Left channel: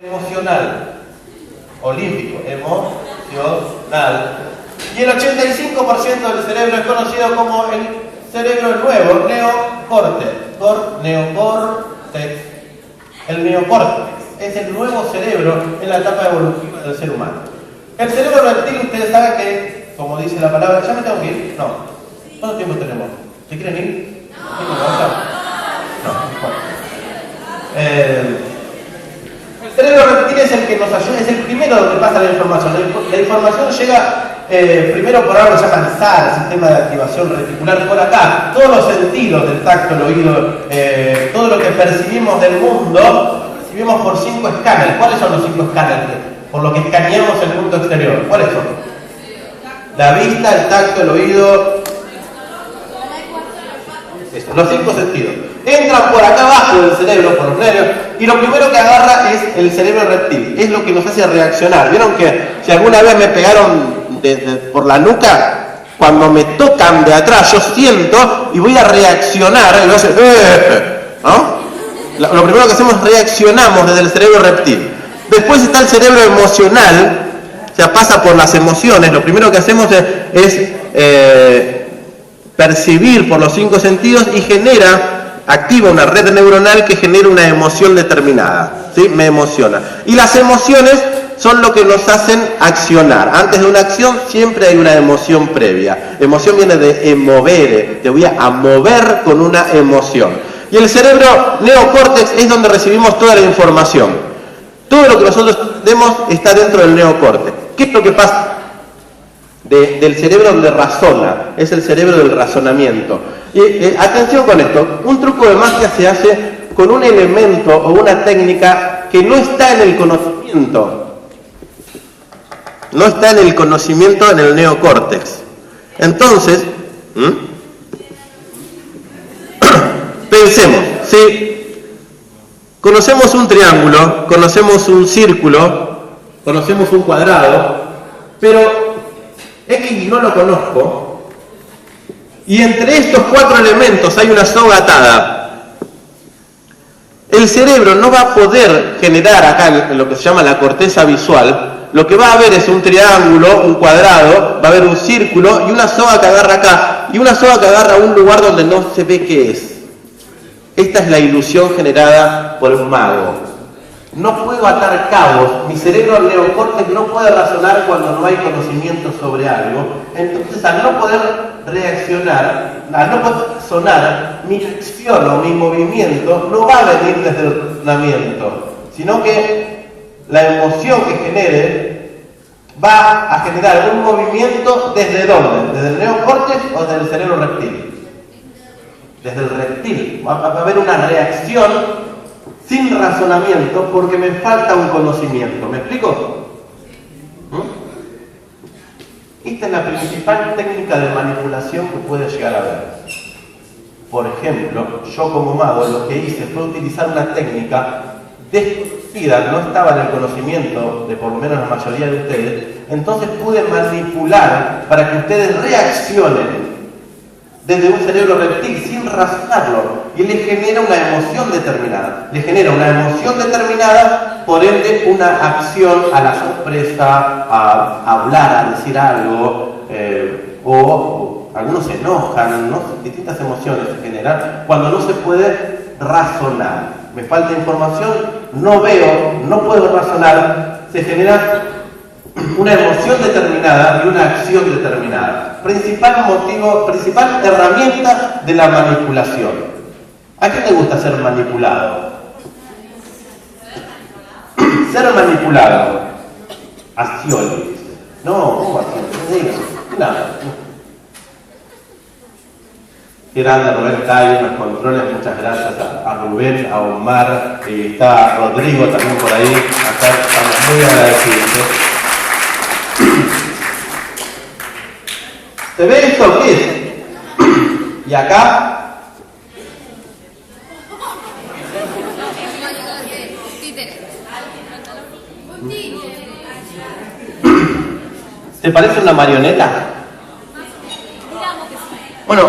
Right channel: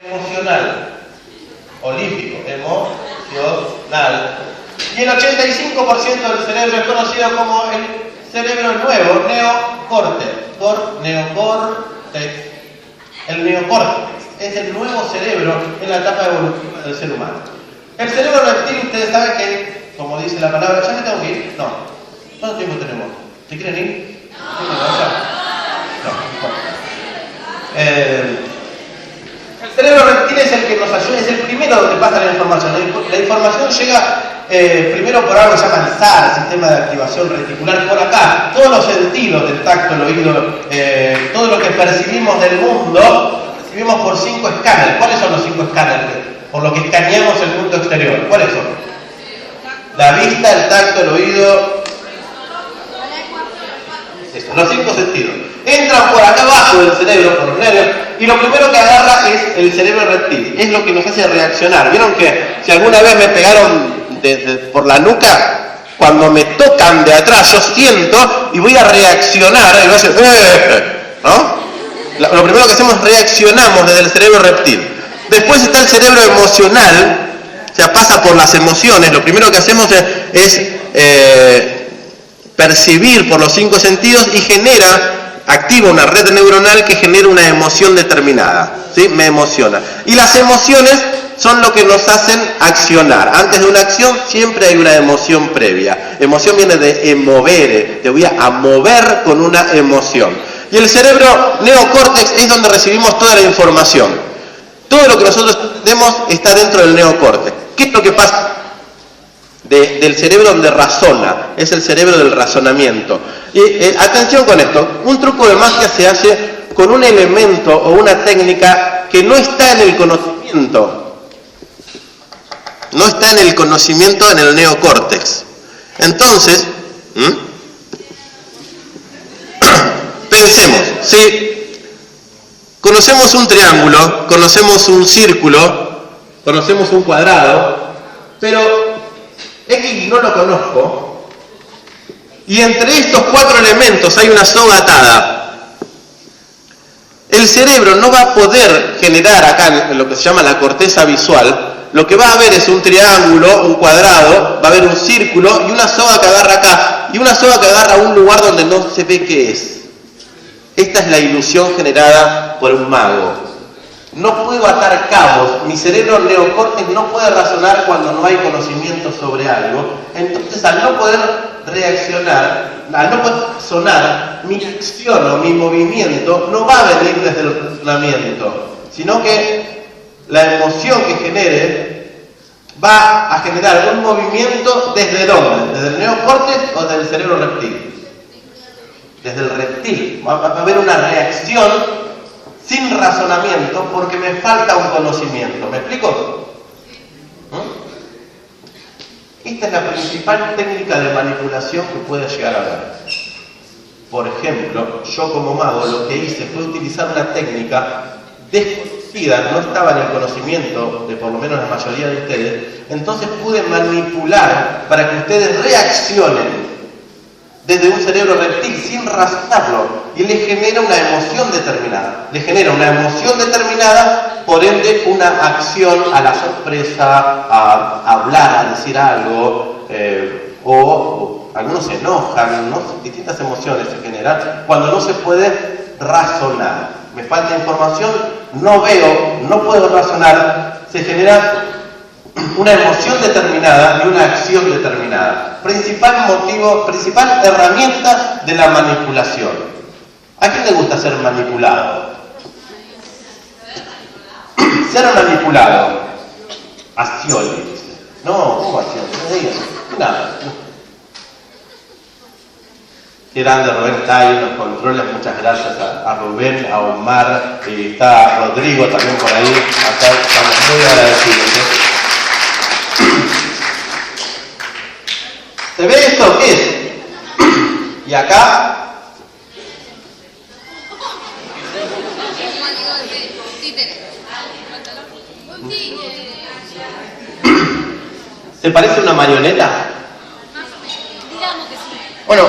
emocional, olímpico, emocional. Y el 85% del cerebro es conocido como el cerebro nuevo, neocórtex. Neocórtex. El neocórtex es el nuevo cerebro en la etapa evolutiva del ser humano. El cerebro reptil, ustedes saben que, como dice la palabra, ¿ya me tengo que ir? No. ¿Cuánto tiempo tenemos? ¿Se quieren ir? No. El cerebro reptil es el que nos ayuda, es el primero donde pasa la información. La información llega primero por algo que se llama el SAR, Sistema de Activación Reticular, por acá. Todos los sentidos del tacto, el oído, todo lo que percibimos del mundo, percibimos por 5 escáneres. ¿Cuáles son los 5 escáneres? Por lo que escaneamos el mundo exterior. ¿Cuáles son? La vista, el tacto, el oído. Eso, los 5 sentidos. Entran por acá abajo del cerebro, por los nervios, y lo primero que agarra es el cerebro reptil. Es lo que nos hace reaccionar. ¿Vieron que si alguna vez me pegaron por la nuca, cuando me tocan de atrás, yo siento y voy a reaccionar, y voy a hacer, ¿no? Lo primero que hacemos es reaccionamos desde el cerebro reptil. Después está el cerebro emocional, o sea, pasa por las emociones. Lo primero que hacemos es percibir por los 5 sentidos y activa una red neuronal que genera una emoción determinada, ¿sí? Me emociona. Y las emociones son lo que nos hacen accionar. Antes de una acción siempre hay una emoción previa. Emoción viene de emovere, te voy a mover con una emoción. Y el cerebro neocórtex es donde recibimos toda la información. Todo lo que nosotros entendemos está dentro del neocórtex. ¿Qué es lo que pasa? Del cerebro donde razona, es el cerebro del razonamiento. Y atención con esto, un truco de magia se hace con un elemento o una técnica que no está en el conocimiento. No está en el conocimiento en el neocórtex. Entonces, pensemos, si conocemos un triángulo, conocemos un círculo, conocemos un cuadrado, pero X no lo conozco, y entre estos 4 elementos hay una soga atada, el cerebro no va a poder generar acá lo que se llama la corteza visual. Lo que va a ver es un triángulo, un cuadrado, va a haber un círculo y una soga que agarra acá, y una soga que agarra a un lugar donde no se ve qué es. Esta es la ilusión generada por un mago. No puedo atar cabos, mi cerebro neocórtex no puede razonar cuando no hay conocimiento sobre algo. Entonces, al no poder reaccionar, al no poder razonar, mi acción o mi movimiento no va a venir desde el razonamiento, sino que la emoción que genere va a generar un movimiento ¿desde dónde? ¿Desde el neocórtex o desde el cerebro reptil? Desde el reptil. Va a haber una reacción sin razonamiento porque me falta un conocimiento. ¿Me explico? Esta es la principal técnica de manipulación que puede llegar a haber. Por ejemplo, yo como mago lo que hice fue utilizar una técnica desconocida, que no estaba en el conocimiento de por lo menos la mayoría de ustedes, entonces pude manipular para que ustedes reaccionen desde un cerebro reptil sin razonarlo, y les genera una emoción determinada. Les genera una emoción determinada, por ende una acción a la sorpresa, a hablar, a decir algo, o algunos se enojan, ¿no? Distintas emociones se generan cuando no se puede razonar. Me falta información, no veo, no puedo razonar, se genera una emoción determinada y una acción determinada. Principal motivo, principal herramienta de la manipulación. ¿A quién le gusta ser manipulado? Ser manipulado. Acciones. No, ¿cómo acciones? Nada. Qué grande Rubén está ahí en los controles, muchas gracias a Rubén, a Omar, y está Rodrigo también por ahí, acá estamos muy agradecidos. ¿Se ve esto? ¿Qué es? Y acá. ¿Se parece a una marioneta? Bueno.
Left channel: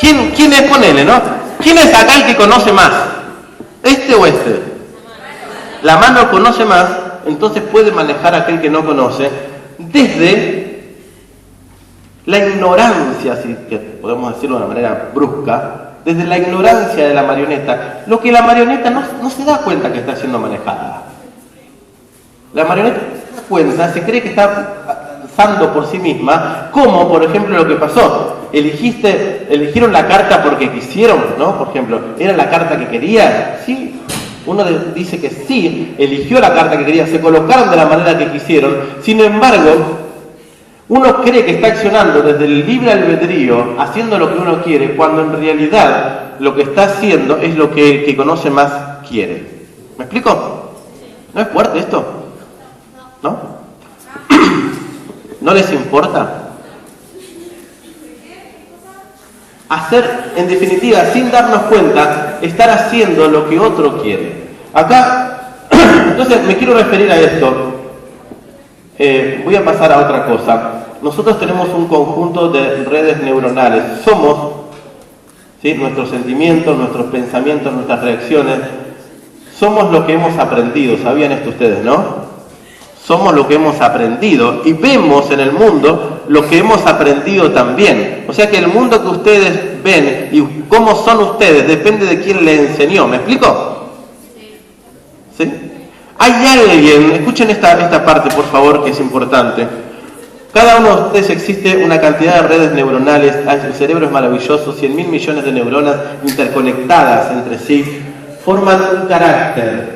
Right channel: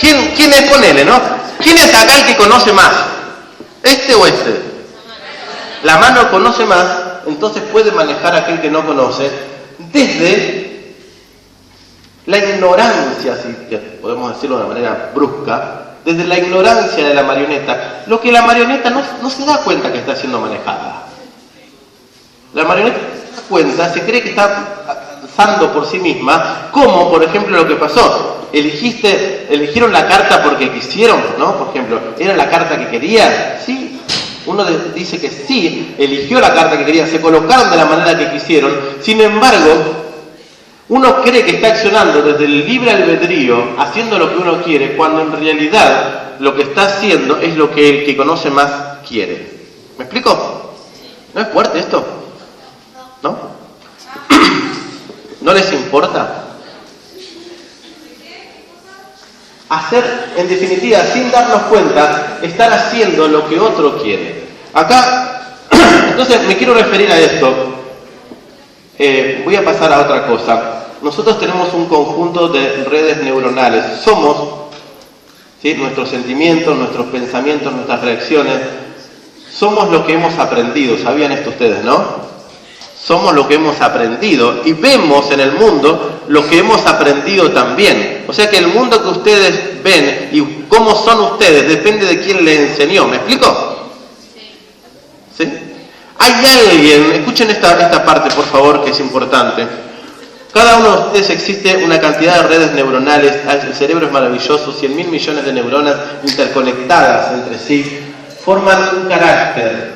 ¿Quién es? Ponele, ¿no? ¿Quién es acá el que conoce más? ¿Este o este? La mano conoce más, entonces puede manejar a aquel que no conoce desde la ignorancia, si que podemos decirlo de una manera brusca, desde la ignorancia de la marioneta, lo que la marioneta no se da cuenta que está siendo manejada. La marioneta se da cuenta, se cree que está avanzando por sí misma, como por ejemplo lo que pasó. Eligieron la carta porque quisieron, ¿no? Por ejemplo, ¿era la carta que querían? Sí. Uno dice que sí, eligió la carta que quería, se colocaron de la manera que quisieron. Sin embargo, uno cree que está accionando desde el libre albedrío, haciendo lo que uno quiere, cuando en realidad lo que está haciendo es lo que el que conoce más quiere. ¿Me explico? ¿No es fuerte esto? ¿No? ¿No les importa? Hacer, en definitiva, sin darnos cuenta, estar haciendo lo que otro quiere. Acá, entonces me quiero referir a esto. Voy a pasar a otra cosa. Nosotros tenemos un conjunto de redes neuronales. Somos, ¿sí?, nuestros sentimientos, nuestros pensamientos, nuestras reacciones. Somos lo que hemos aprendido. ¿Sabían esto ustedes, no? Somos lo que hemos aprendido y vemos en el mundo lo que hemos aprendido también. O sea que el mundo que ustedes ven y cómo son ustedes depende de quién les enseñó. ¿Me explico? ¿Sí? Hay alguien, escuchen esta parte por favor que es importante. Cada uno de ustedes existe una cantidad de redes neuronales, el cerebro es maravilloso, 100.000 millones de neuronas interconectadas entre sí, forman un carácter.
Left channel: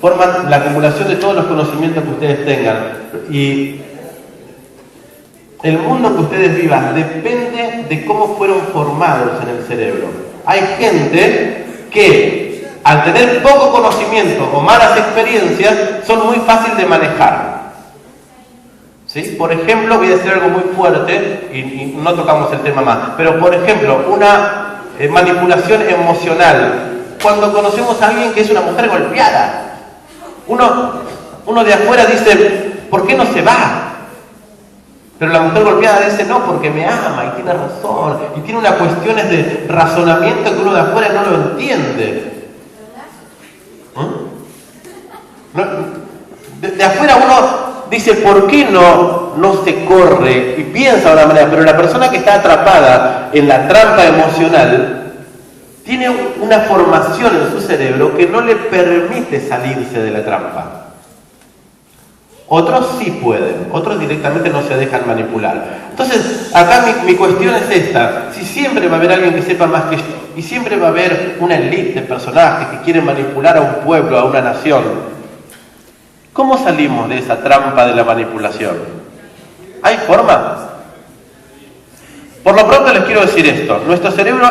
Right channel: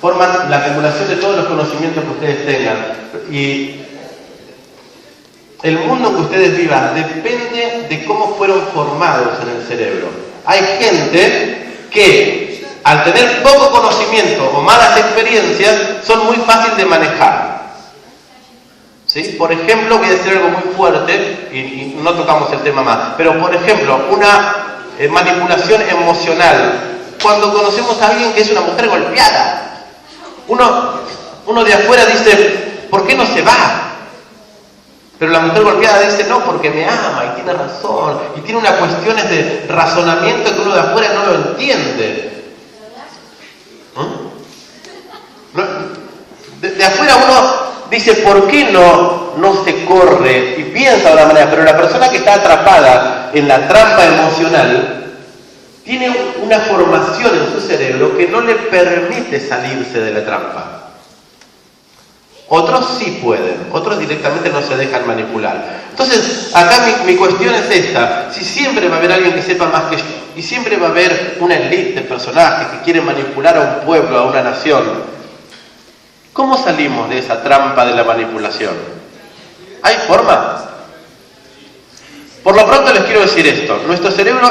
Forman la acumulación de todos los conocimientos que ustedes tengan. Y el mundo que ustedes vivan depende de cómo fueron formados en el cerebro. Hay gente que, al tener poco conocimiento o malas experiencias, son muy fáciles de manejar. ¿Sí? Por ejemplo, voy a decir algo muy fuerte, y no tocamos el tema más, pero por ejemplo, una manipulación emocional. Cuando conocemos a alguien que es una mujer golpeada, uno de afuera dice, ¿por qué no se va? Pero la mujer golpeada dice, no, porque me ama y tiene razón. Y tiene unas cuestiones de razonamiento que uno de afuera no lo entiende. De afuera uno dice, ¿por qué no se corre? Y piensa de una manera, pero la persona que está atrapada en la trampa emocional tiene una formación en su cerebro que no le permite salirse de la trampa. Otros sí pueden, otros directamente no se dejan manipular. Entonces, acá mi cuestión es esta. Si siempre va a haber alguien que sepa más que yo, y siempre va a haber una élite de personajes que quieren manipular a un pueblo, a una nación, ¿cómo salimos de esa trampa de la manipulación? ¿Hay forma? Por lo pronto les quiero decir esto. Nuestro cerebro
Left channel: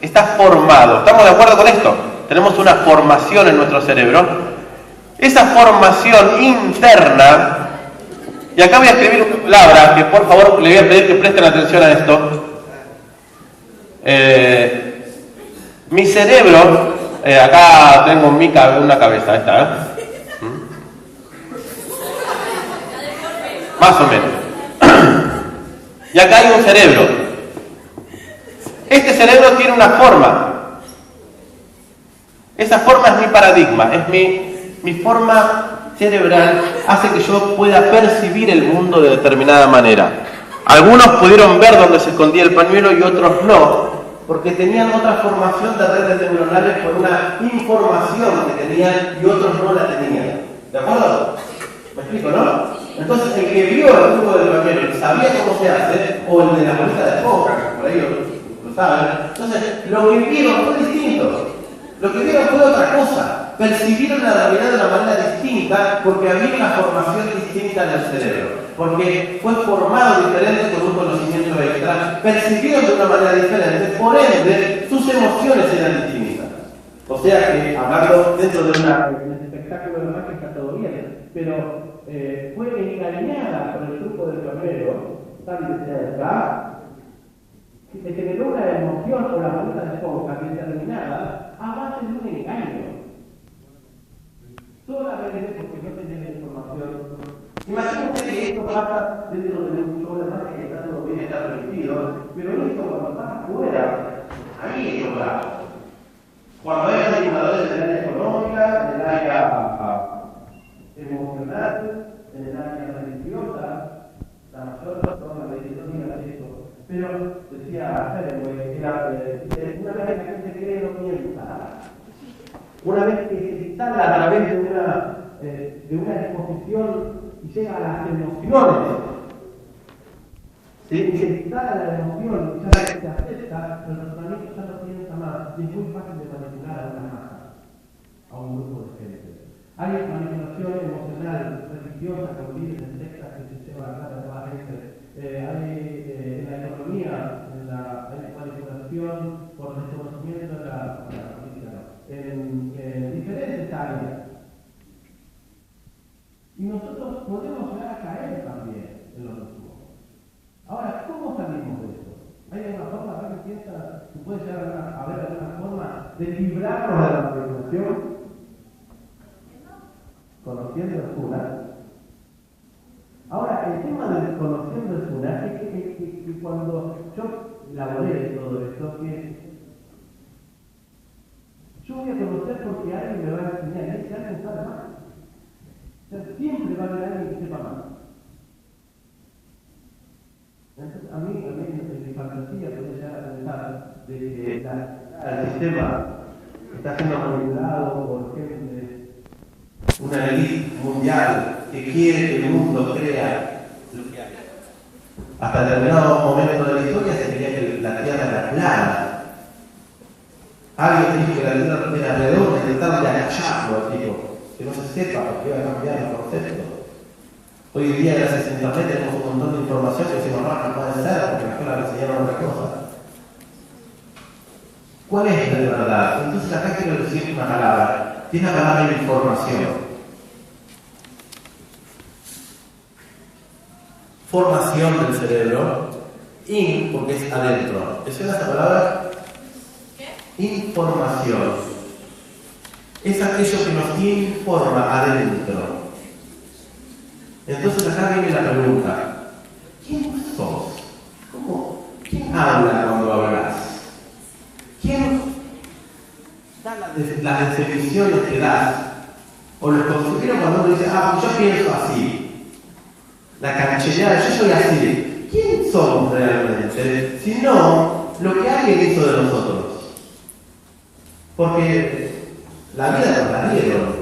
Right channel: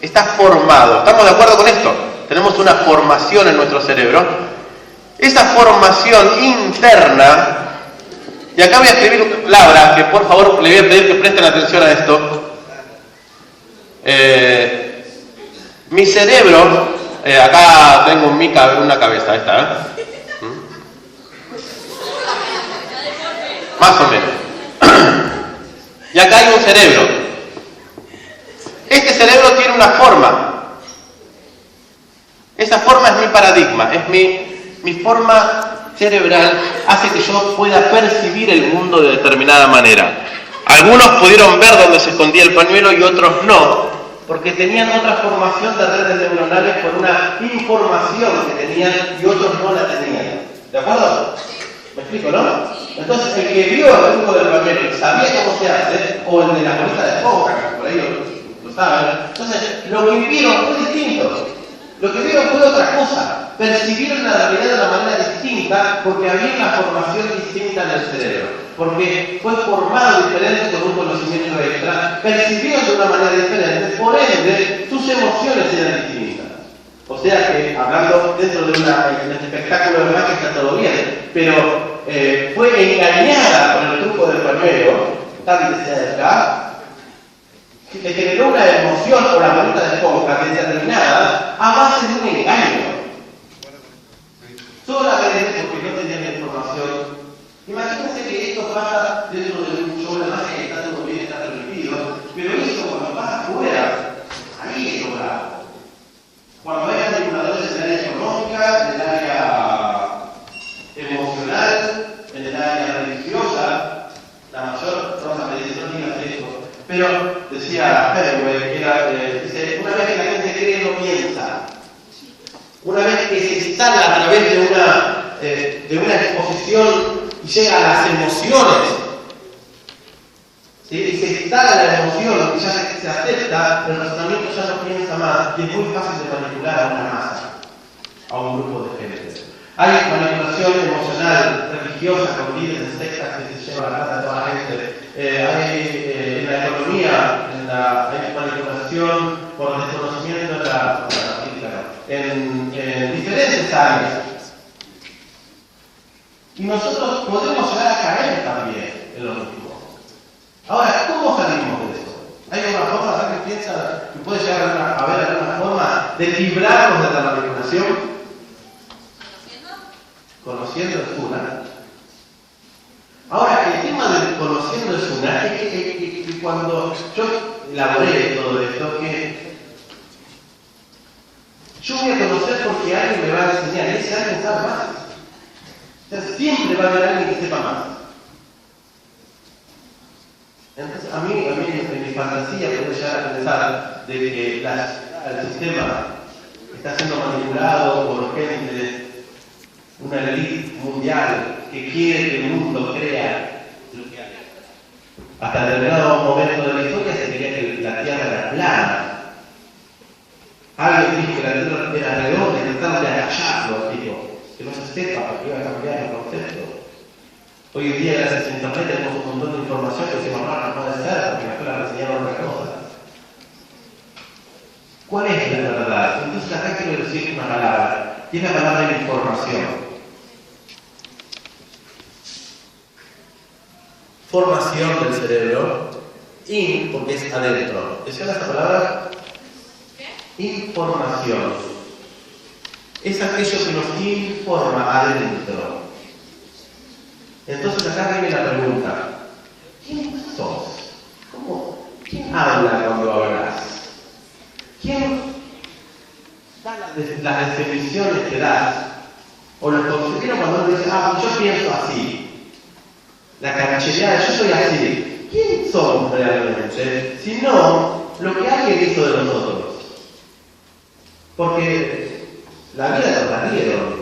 está formado. ¿Estamos de acuerdo con esto? Tenemos una formación en nuestro cerebro. Esa formación interna, y acá voy a escribir una palabra que por favor le voy a pedir que presten atención a esto. Mi cerebro, acá tengo una cabeza, esta, más o menos. Y acá hay un cerebro. Este cerebro tiene una forma. Esa forma es mi paradigma, es mi forma cerebral, hace que yo pueda percibir el mundo de determinada manera. Algunos pudieron ver dónde se escondía el pañuelo y otros no, porque tenían otra formación de redes neuronales por una información que tenían y otros no la tenían. ¿De acuerdo? ¿Me explico, no? Entonces, el que vio el truco del pañuelo y sabía cómo se hace, o el de la bolita de esponja, por ahí lo saben. Entonces, lo que vieron fue distinto. Lo que vieron fue otra cosa. Percibieron la realidad de una manera distinta porque había una formación distinta en el cerebro. Porque fue formado diferente con un conocimiento extra. Percibieron de una manera diferente. Por ende, sus emociones eran distintas. O sea que, hablando dentro de un espectáculo de magia, está todo bien. Pero fue engañada con el truco del pañuelo, tal y desde acá, que generó una emoción o la bolita de esponja determinada a base de un engaño. Solamente porque no tenían la información. Imagínense que esto pasa dentro de un show de magia que está todo bien, está permitido, pero eso cuando pasa afuera, ahí es lo bravo. Cuando hay manipuladores en el área económica, en el área instala a través de una exposición y llega a las emociones. ¿Sí? Y se instala la emoción y ya se acepta, el razonamiento ya no piensa más y es muy fácil de manipular a una masa, a un grupo de gente. Hay manipulación emocional, religiosa, con líderes de sectas que se llevan la plata a toda la gente. En la economía, hay manipulación por desconocimiento de la política, en diferentes áreas. Y nosotros podemos llegar a caer también en lo mismo. Ahora, ¿cómo salimos de eso? ¿Hay alguna forma, alguien piensa que puede llegar a haber alguna forma de librarnos de la manipulación? Conociendo es una. Ahora, el tema del conociendo es una, es que cuando yo elaboré todo esto, que yo voy a conocer porque alguien me va a enseñar, y ese alguien sabe más. O sea, siempre va a haber alguien que sepa más. Entonces, a mí en mi fantasía puedo llegar a pensar de que el sistema está siendo manipulado por gente, una élite mundial que quiere que el mundo crea lo que hay. Hasta determinado momento de la historia se creía que la Tierra era plana. Alguien dijo que la Tierra era redonda y trataron de agacharlo, tipo, que no se sepa porque iba a cambiar el concepto. Hoy en día, gracias a Internet, tenemos un montón de información que decimos, no puede ser porque afuera me enseñaron otra cosa. ¿Cuál es la verdad? Entonces acá quiero decir una palabra, y es la palabra información. Formación del cerebro, porque es adentro. ¿Te suena esa palabra? Información. Es aquello que nos informa adentro. Entonces acá viene la pregunta: ¿quién sos? ¿Quién habla cuando hablas? ¿Quién da las definiciones que das? O los conceptos cuando uno dice, pues yo pienso así. La canchereada, yo soy así. ¿Quién somos realmente? Si no, lo que alguien hizo de nosotros. Porque la vida nos la dieron.